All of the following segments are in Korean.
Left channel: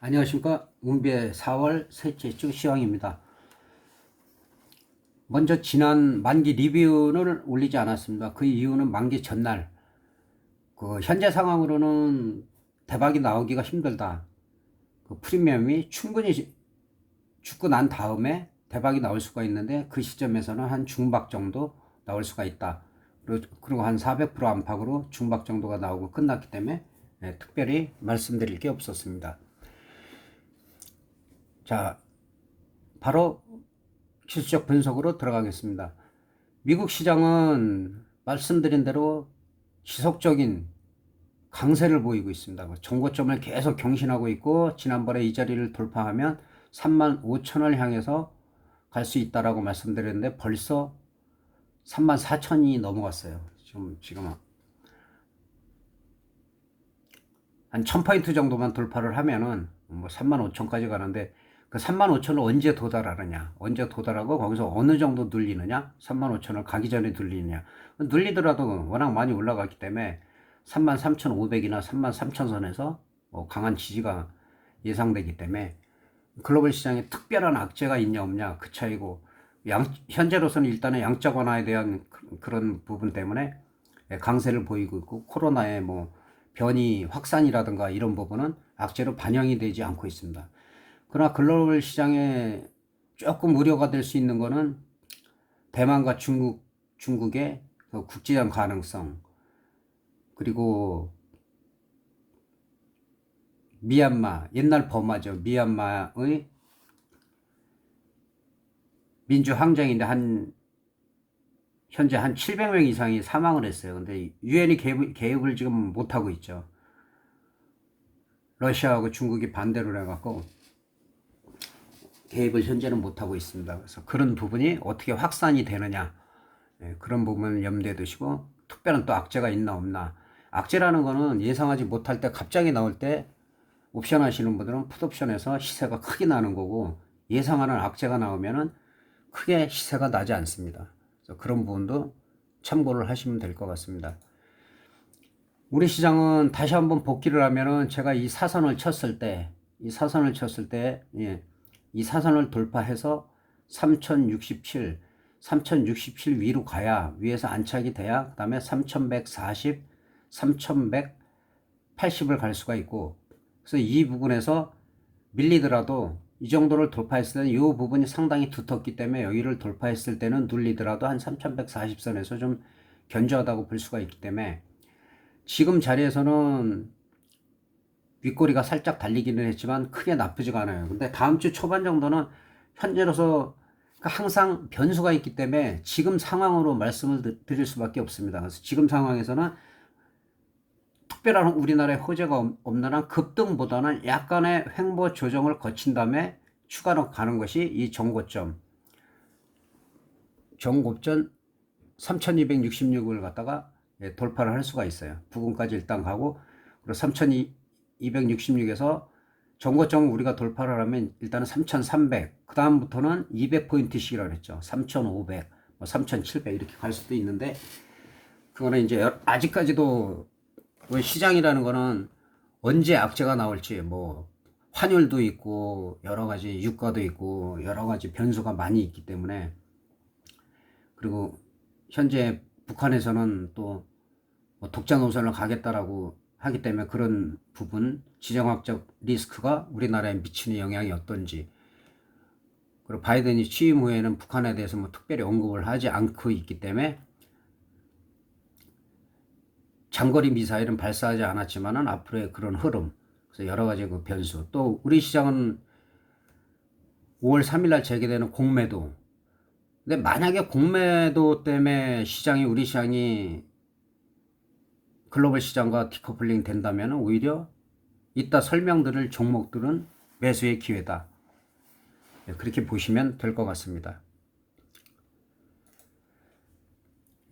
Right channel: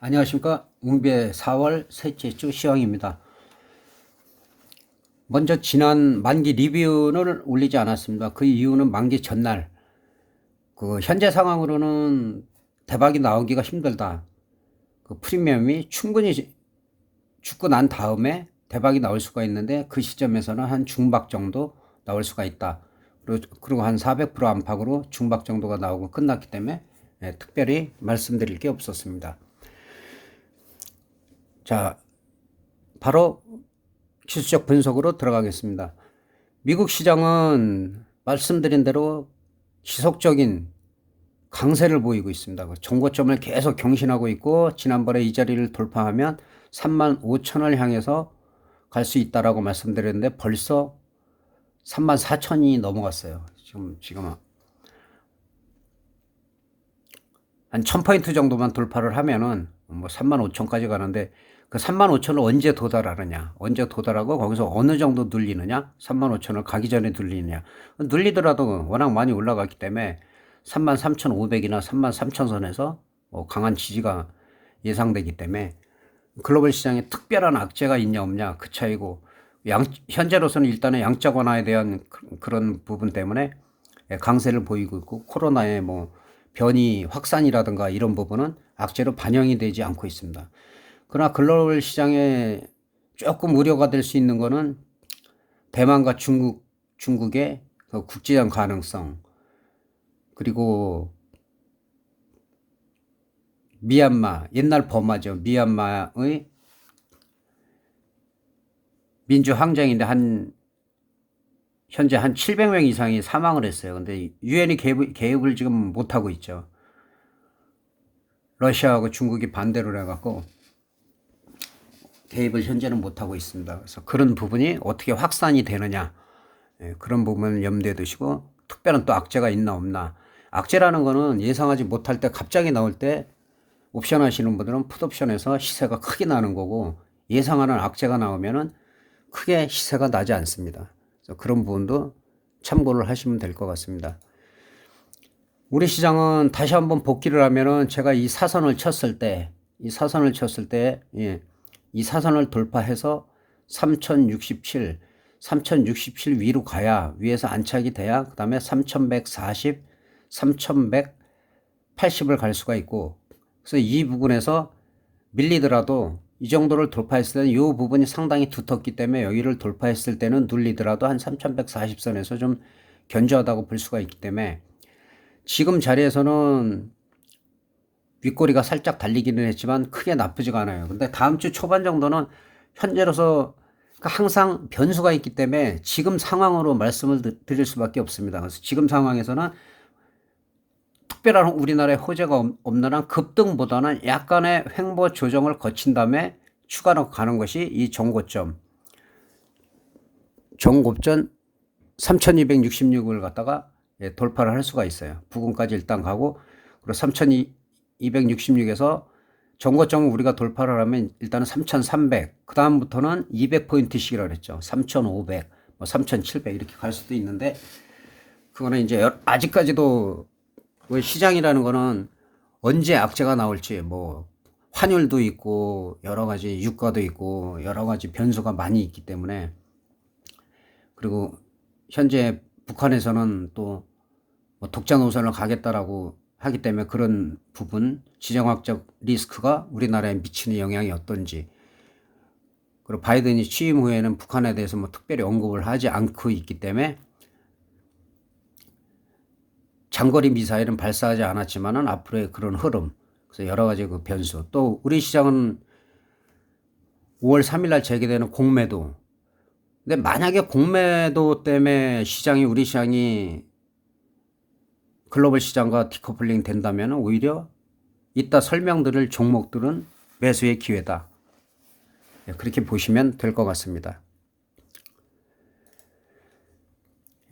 안녕하십니까. 운비의 4월 셋째 주 시황입니다. 먼저 지난 만기 리뷰는 올리지 않았습니다. 그 이유는 만기 전날 현재 상황으로는 대박이 나오기가 힘들다. 프리미엄이 충분히 죽고 난 다음에 대박이 나올 수가 있는데 그 시점에서는 한 중박 정도 나올 수가 있다. 그리고 한 400% 안팎으로 중박 정도가 나오고 끝났기 때문에 특별히 말씀드릴 게 없었습니다. 자, 바로 기술적 분석으로 들어가겠습니다. 미국 시장은 말씀드린 대로 지속적인 강세를 보이고 있습니다. 정고점을 계속 경신하고 있고 지난번에 이 자리를 돌파하면 35,000을 향해서 갈 수 있다라고 말씀드렸는데 벌써 34,000이 넘어갔어요. 지금 한 1000포인트 정도만 돌파를 하면은 뭐 35,000까지 가는데 그 35,000을 언제 도달하느냐, 언제 도달하고 거기서 어느 정도 눌리느냐, 35,000을 가기 전에 눌리느냐. 눌리더라도 워낙 많이 올라갔기 때문에 33,500이나 33,000선에서 강한 지지가 예상되기 때문에 글로벌 시장에 특별한 악재가 있냐 없냐 그 차이고, 현재로서는 일단은 양적 완화에 대한 그런 부분 때문에 강세를 보이고 있고, 코로나의 변이 확산이라든가 이런 부분은 악재로 반영이 되지 않고 있습니다. 그러나 글로벌 시장에 조금 우려가 될 수 있는 거는 대만과 중국의 그 국제적 가능성, 그리고 미얀마, 옛날 버마죠. 미얀마의 민주항쟁인데 현재 한 700명 이상이 사망을 했어요. 근데 유엔이 개입을 지금 못하고 있죠. 러시아하고 중국이 반대로 해갖고 개입을 현재는 못하고 있습니다. 그래서 그런 부분이 어떻게 확산이 되느냐, 그런 부분을 염두에 두시고, 특별한 또 악재가 있나 없나. 악재라는 거는 예상하지 못할 때 갑자기 나올 때 옵션 하시는 분들은 풋옵션에서 시세가 크게 나는 거고, 예상하는 악재가 나오면은 크게 시세가 나지 않습니다. 그래서 그런 부분도 참고를 하시면 될 것 같습니다. 우리 시장은 다시 한번 복귀를 하면은 제가 이 사선을 쳤을 때, 이 사선을 돌파해서 3067 위로 가야, 위에서 안착이 돼야 그 다음에 3140, 3180을 갈 수가 있고, 그래서 이 부분에서 밀리더라도 이 정도를 돌파했을 때는 이 부분이 상당히 두텁기 때문에 여기를 돌파했을 때는 눌리더라도 한 3140선에서 좀 견저하다고 볼 수가 있기 때문에 지금 자리에서는 윗꼬리가 살짝 달리기는 했지만 크게 나쁘지가 않아요. 근데 다음 주 초반 정도는 현재로서 항상 변수가 있기 때문에 지금 상황으로 말씀을 드릴 수밖에 없습니다. 그래서 지금 상황에서는 특별한 우리나라의 호재가 없는 한 급등보다는 약간의 횡보 조정을 거친 다음에 추가로 가는 것이 이 정고점 3266을 갖다가 돌파를 할 수가 있어요. 부근까지 일단 가고, 그리고 3266에서 정고점을 우리가 돌파를 하면 일단은 3300, 그 다음부터는 200포인트씩이라고 그랬죠. 3500, 3700 이렇게 갈 수도 있는데, 그거는 이제 아직까지도 시장이라는 거는 언제 악재가 나올지, 환율도 있고 여러 가지 유가도 있고 여러 가지 변수가 많이 있기 때문에, 그리고 현재 북한에서는 또 독자 노선을 가겠다라고 하기 때문에 그런 부분, 지정학적 리스크가 우리나라에 미치는 영향이 어떤지, 그리고 바이든이 취임 후에는 북한에 대해서 특별히 언급을 하지 않고 있기 때문에 장거리 미사일은 발사하지 않았지만은 앞으로의 그런 흐름, 그래서 여러 가지 그 변수, 또 우리 시장은 5월 3일 날 재개되는 공매도. 근데 만약에 공매도 때문에 우리 시장이 글로벌 시장과 디커플링 된다면 오히려 이따 설명드릴 종목들은 매수의 기회다. 그렇게 보시면 될 것 같습니다.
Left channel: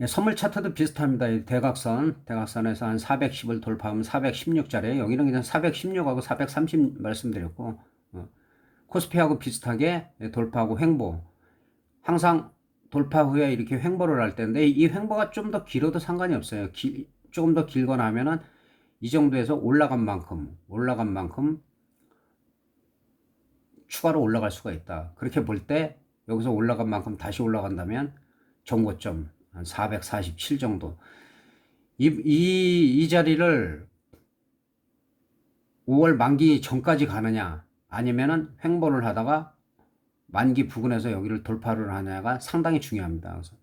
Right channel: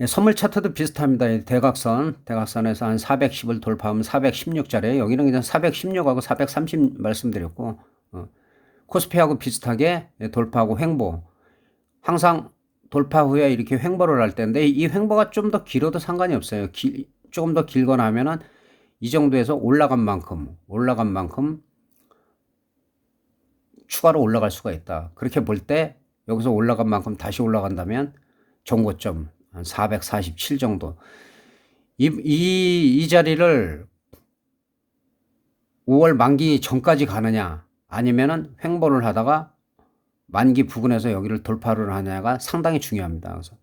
선물 차트도 비슷합니다. 대각선에서 한 410을 돌파하면 416짜리, 여기는 그냥 416하고 430 말씀드렸고, 코스피하고 비슷하게 돌파하고 횡보. 항상 돌파 후에 이렇게 횡보를 할 텐데, 이 횡보가 좀 더 길어도 상관이 없어요. 조금 더 길거나 하면은 이 정도에서 올라간 만큼 추가로 올라갈 수가 있다. 그렇게 볼 때 여기서 올라간 만큼 다시 올라간다면 정고점 한 447 정도. 이 자리를 5월 만기 전까지 가느냐 아니면은 횡보를 하다가 만기 부근에서 여기를 돌파를 하냐가 상당히 중요합니다. 그래서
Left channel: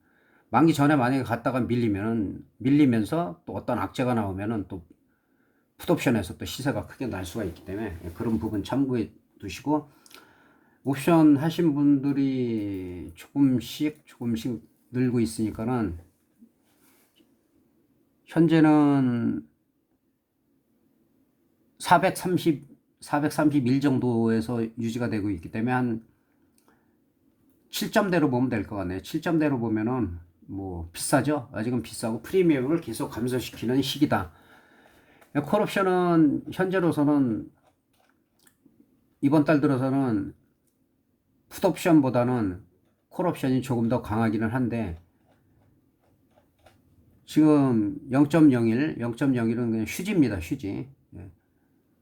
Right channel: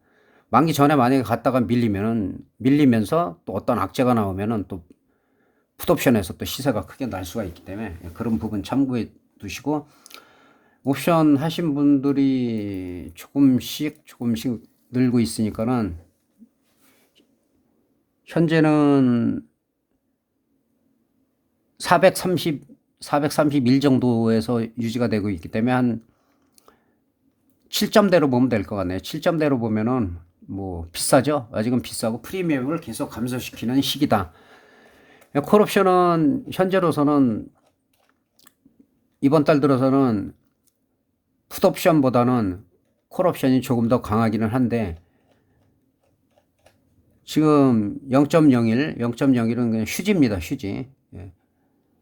만기 전에 만약에 갔다가 밀리면서 또 어떤 악재가 나오면은 또 풋옵션에서 또 시세가 크게 날 수가 있기 때문에 그런 부분 참고해 두시고, 옵션 하신 분들이 조금씩 늘고 있으니까는 현재는 431 정도에서 유지가 되고 있기 때문에 한 7점대로 보면 될 것 같네요. 7점대로 보면은 뭐 비싸죠. 아직은 비싸고 프리미엄을 계속 감소시키는 시기다. 콜옵션은 현재로서는 이번 달 들어서는 풋옵션보다는 콜옵션이 조금 더 강하기는 한데, 지금 0.01은 그냥 휴지입니다. 휴지.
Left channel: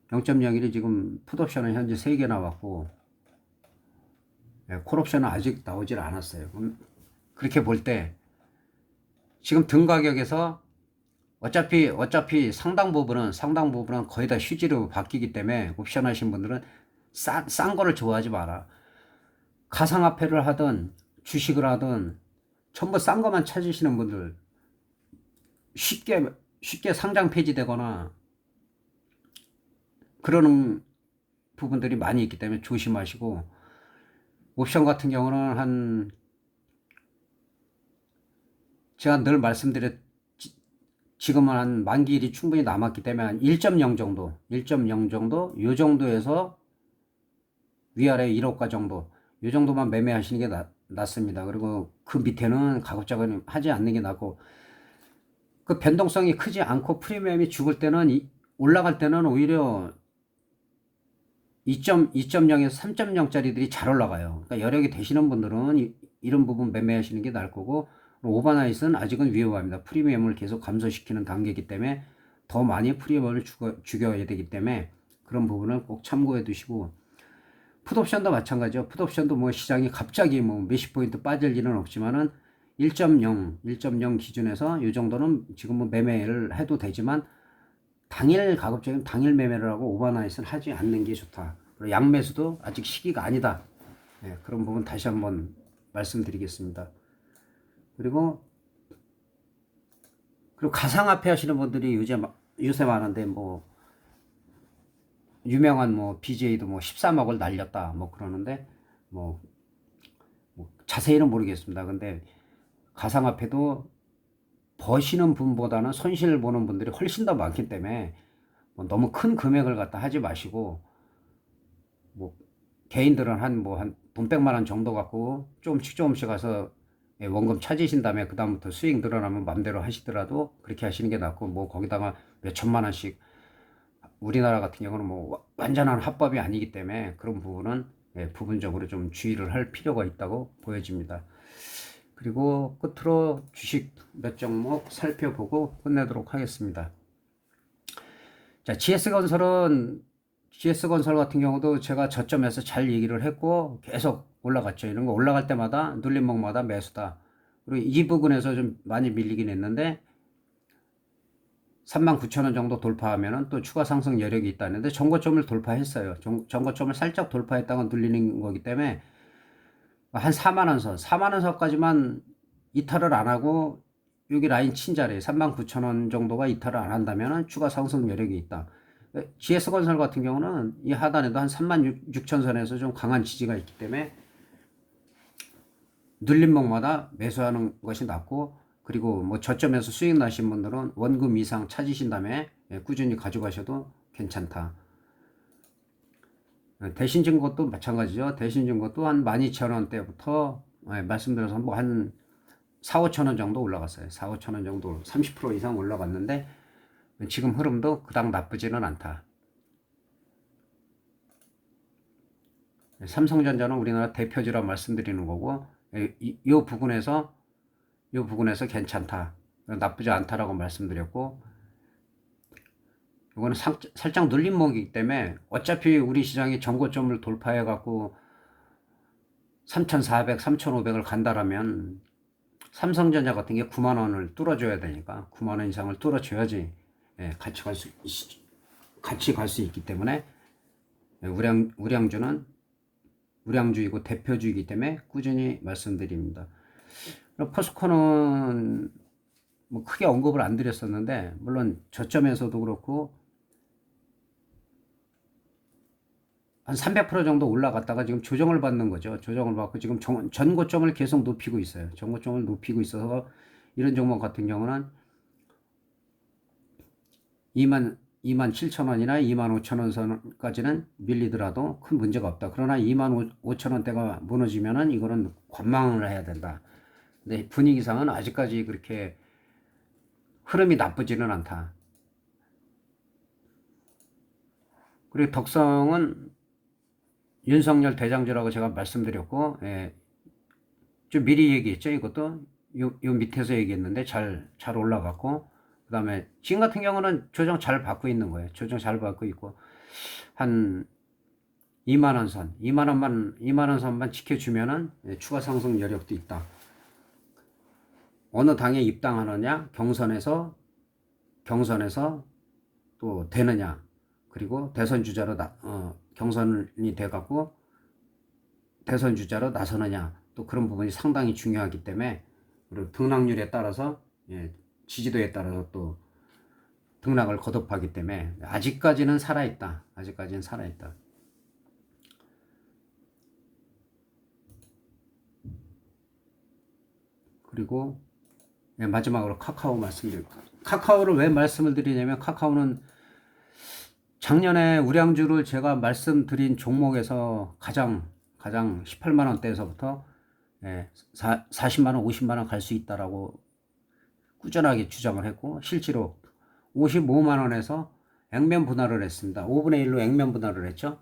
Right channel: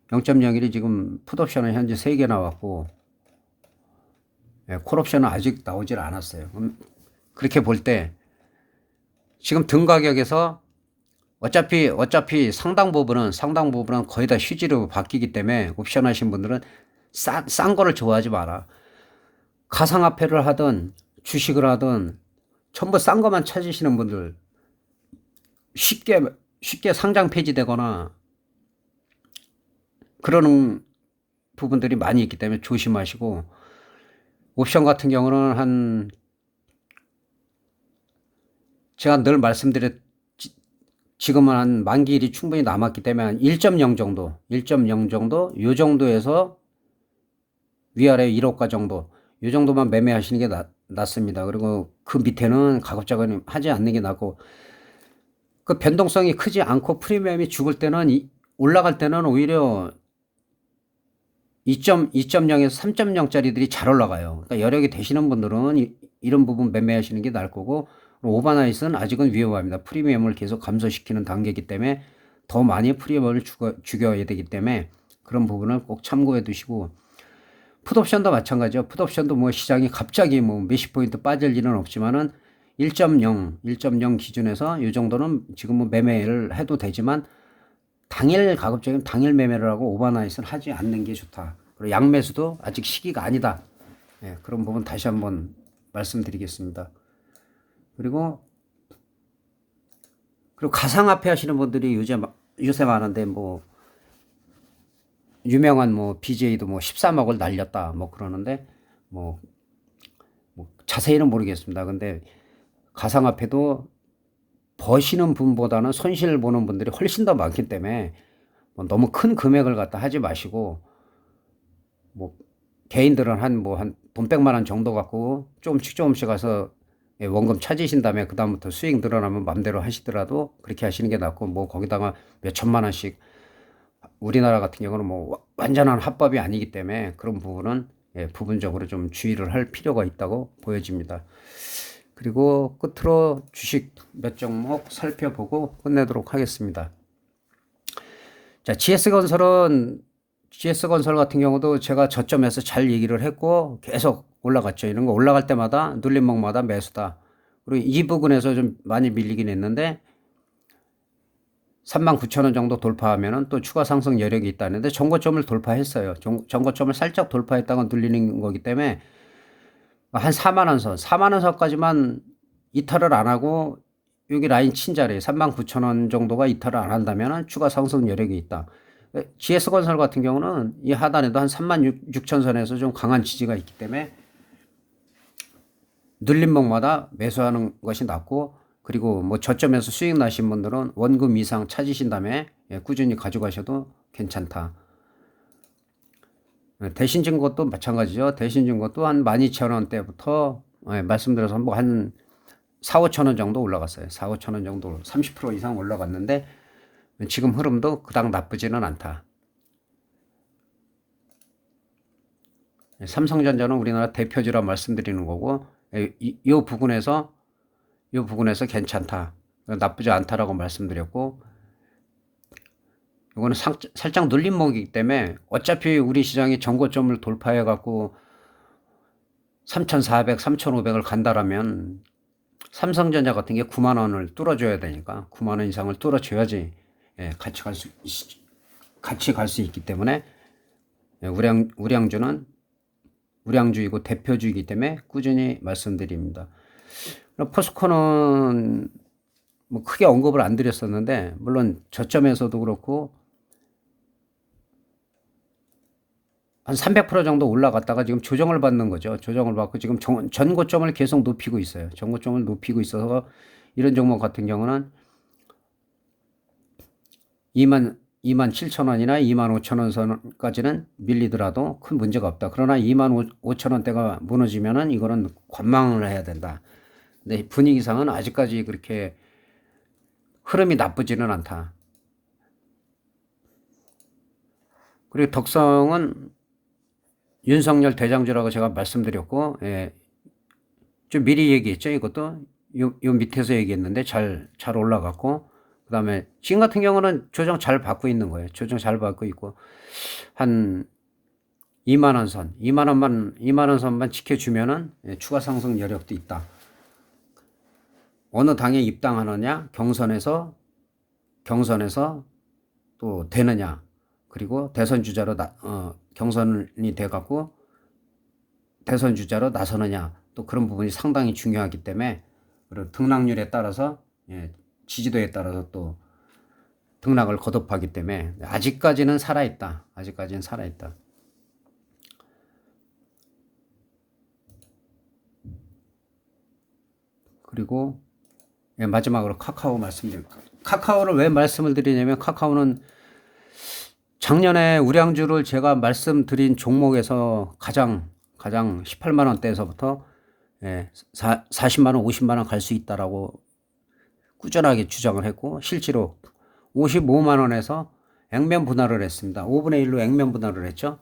0.01이 지금 풋옵션은 현재 3개 나왔고, 콜옵션은 아직 나오질 않았어요. 그렇게 볼 때 지금 등 가격에서 어차피 상당 부분은 거의 다 휴지로 바뀌기 때문에 옵션 하신 분들은 싼 거를 좋아하지 마라. 가상화폐를 하든 주식을 하든 전부 싼 것만 찾으시는 분들, 쉽게 상장 폐지되거나 그러는 부분들이 많이 있기 때문에 조심하시고, 옵션 같은 경우는 제가 늘 지금은 한 만기일이 충분히 남았기 때문에 한 1.0 정도, 요 정도에서 위아래 1호가 정도, 요 정도만 매매하시는 게 낫습니다. 그리고 그 밑에는 가급적이면 하지 않는 게 낫고, 그 변동성이 크지 않고 프리미엄이 죽을 때는 올라갈 때는 오히려 2.0에서 3.0짜리들이 잘 올라가요. 그러니까 여력이 되시는 분들은 이런 부분 매매하시는 게 나을 거고, 오버나잇은 아직은 위험합니다. 프리미엄을 계속 감소시키는 단계이기 때문에 더 많이 프리미엄을 죽여야 되기 때문에 그런 부분을 꼭 참고해 두시고, 풋옵션도 마찬가지죠. 풋옵션도 뭐 시장이 갑자기 뭐 몇십 포인트 빠질 일은 없지만은 1.0 기준에서 이 정도는 지금 뭐 매매를 해도 되지만, 가급적이면 당일 매매를 하고 오버나잇은 하지 않는 게 좋다. 그리고 양매수도 아직 시기가 아니다. 그런 부분 다시 한번 말씀드리겠습니다. 그리고 가상화폐 하시는 분들이 요새 많은데, 뭐 유명한 뭐 BJ도 뭐 13억을 날렸다 뭐 그러는데, 뭐 자세히는 모르겠습니다. 근데 가상화폐도 버시는 분보다는 손실 보는 분들이 훨씬 더 많기 때문에 뭐 너무 큰 금액을 갖다 하지 마시고, 뭐 개인들은 한 돈 100만 원 정도 갖고 조금씩 가서 원금 찾으신 다음에 그 다음부터 수익 늘어나면 맘대로 하시더라도 그렇게 하시는 게 낫고, 뭐 거기다가 몇 천만 원씩, 우리나라 같은 경우는 뭐 완전한 합법이 아니기 때문에 그런 부분은 부분적으로 좀 주의를 할 필요가 있다고 보여집니다. 그리고 끝으로 주식 몇 종목 살펴보고 끝내도록 하겠습니다. 자, GS건설 같은 경우도 제가 저점에서 잘 얘기를 했고 계속 올라갔죠. 이런 거 올라갈 때마다 눌림목마다 매수다. 그리고 이 부분에서 좀 많이 밀리긴 했는데 39,000원 정도 돌파하면은 또 추가 상승 여력이 있다는데 전고점을 돌파했어요. 전고점을 살짝 돌파했다가 눌리는 거기 때문에 한 4만 원선까지만 이탈을 안 하고 여기 라인 친 자리에 39,000원 정도가 이탈을 안 한다면 추가 상승 여력이 있다. GS건설 같은 경우는 이 하단에도 한 36,000선에서 좀 강한 지지가 있기 때문에 눌림목마다 매수하는 것이 낫고, 그리고 뭐 저점에서 수익 나신 분들은 원금 이상 찾으신 다음에 꾸준히 가져가셔도 괜찮다. 대신증권도 마찬가지죠. 대신증권도 한 12,000원대부터 말씀드려서 뭐 한 4,5천원 정도 올라갔어요. 4,5천원 정도 30% 이상 올라갔는데 지금 흐름도 그닥 나쁘지는 않다. 삼성전자는 우리나라 대표주라 말씀드리는 거고, 이 부분에서 괜찮다, 나쁘지 않다라고 말씀드렸고, 이거는 살짝 눌림목이기 때문에 어차피 우리 시장이 전고점을 돌파해 갖고 3,400, 3,500을 간다라면 삼성전자 같은 게 9만 원을 뚫어줘야 되니까 9만 원 이상을 뚫어줘야지 같이 갈 수 있기 때문에 우량주는 우량주이고 대표주이기 때문에 꾸준히 말씀드립니다. 포스코는 뭐 크게 언급을 안 드렸었는데 물론 저점에서도 그렇고 한 300% 정도 올라갔다가 지금 조정을 받는 거죠. 조정을 받고 지금 전고점을 계속 높이고 있어요. 전고점을 높이고 있어서 이런 종목 같은 경우는 27,000원이나 25,000원 선까지는 밀리더라도 큰 문제가 없다. 그러나 25,000원대가 무너지면은 이거는 관망을 해야 된다. 근데 분위기상은 아직까지 그렇게 흐름이 나쁘지는 않다. 그리고 덕성은 윤석열 대장주라고 제가 말씀드렸고, 좀 미리 얘기했죠. 이것도 요 밑에서 얘기했는데 잘 올라갔고, 그 다음에 지금 같은 경우는 조정 잘 받고 있는 거예요. 조정 잘 받고 있고 한 2만원 선, 2만원 선만 지켜주면은 추가 상승 여력도 있다. 어느 당에 입당하느냐, 경선에서 또 되느냐, 그리고 대선 주자로 경선이 돼갖고 대선 주자로 나서느냐, 또 그런 부분이 상당히 중요하기 때문에 등락률에 따라서 지지도에 따라서 또 등락을 거듭하기 때문에 아직까지는 살아있다. 그리고 마지막으로 카카오 말씀드립니다. 카카오를 왜 말씀을 드리냐면 카카오는 작년에 우량주를 제가 말씀드린 종목에서 가장 18만 원대에서부터 40만 원, 50만 원 갈 수 있다라고 꾸준하게 주장을 했고 실제로 55만 원에서 액면 분할을 했습니다. 5분의 1로 액면 분할을 했죠.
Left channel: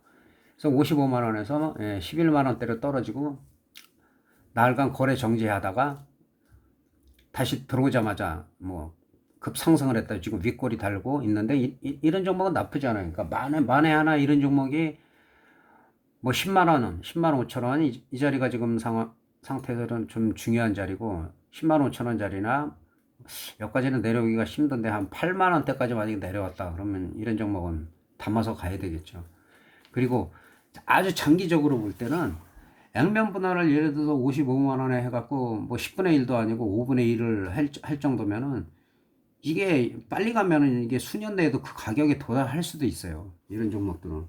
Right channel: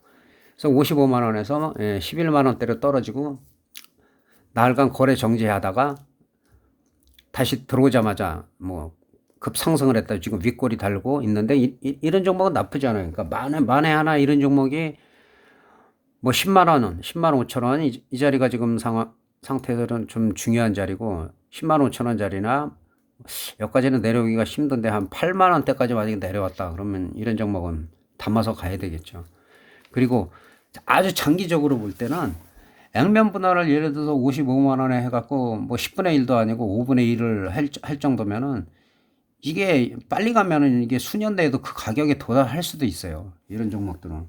그래서 55만 원에서 11만 원대로 떨어지고 나흘간 거래 정지하다가 다시 들어오자마자 뭐 급상승을 했다. 지금 윗골이 달고 있는데 이런 종목은 나쁘지 않아요. 그러니까 만에 하나 이런 종목이 뭐 10만 원, 10만 5천 원 이 자리가 지금 상태에서는 좀 중요한 자리고 10만 5천 원짜리나 여기까지는 내려오기가 힘든데 한 8만 원대까지 만약에 내려왔다 그러면 이런 종목은 담아서 가야 되겠죠. 그리고 아주 장기적으로 볼 때는 액면 분할을 예를 들어서 55만 원에 해갖고 뭐 10분의 1도 아니고 5분의 1을 할 정도면은 이게 빨리 가면은 이게 수년 내에도 그 가격에 도달할 수도 있어요. 이런 종목들은.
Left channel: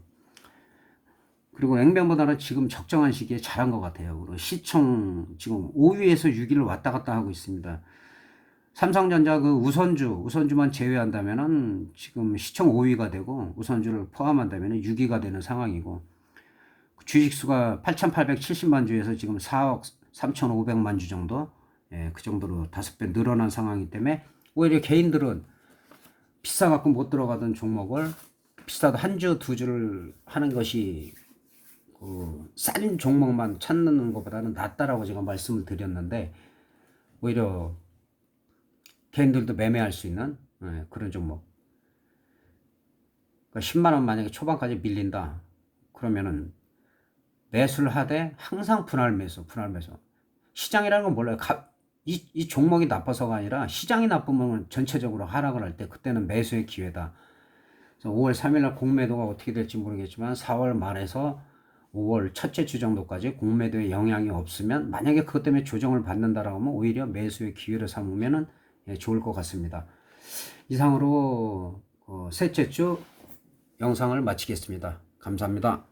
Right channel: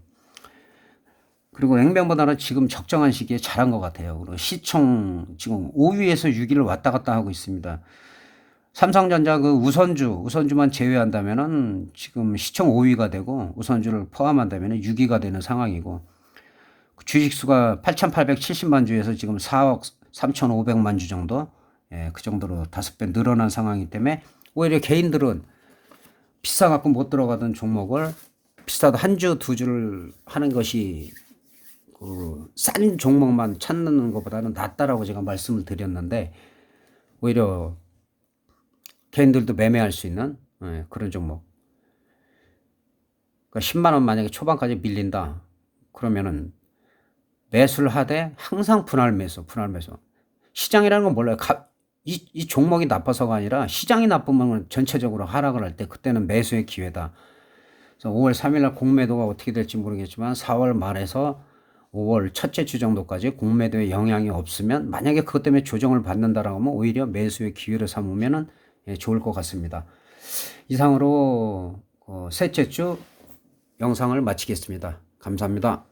그리고 액면 분할은 지금 적정한 시기에 잘한 것 같아요. 그리고 시총 지금 5위에서 6위를 왔다 갔다 하고 있습니다. 삼성전자 그 우선주만 제외한다면은 지금 시총 5위가 되고 우선주를 포함한다면은 6위가 되는 상황이고 주식수가 8,870만 주에서 지금 4억 3,500만 주 정도, 그 정도로 5배 늘어난 상황이기 때문에 오히려 개인들은 비싸갖고 못 들어가던 종목을 비싸도 한 주, 두 주를 하는 것이 싼 종목만 찾는 것보다는 낫다라고 제가 말씀을 드렸는데 오히려 개인들도 매매할 수 있는 그런 종목. 그러니까 10만 원 만약에 초반까지 밀린다. 그러면은 매수를 하되 항상 분할 매수. 시장이라는 건 몰라요. 이 종목이 나빠서가 아니라 시장이 나쁘면 전체적으로 하락을 할 때 그때는 매수의 기회다. 그래서 5월 3일 날 공매도가 어떻게 될지 모르겠지만 4월 말에서 5월 첫째 주 정도까지 공매도에 영향이 없으면 만약에 그것 때문에 조정을 받는다라고 하면 오히려 매수의 기회를 삼으면은 좋을 것 같습니다. 이상으로 셋째 주 영상을 마치겠습니다. 감사합니다.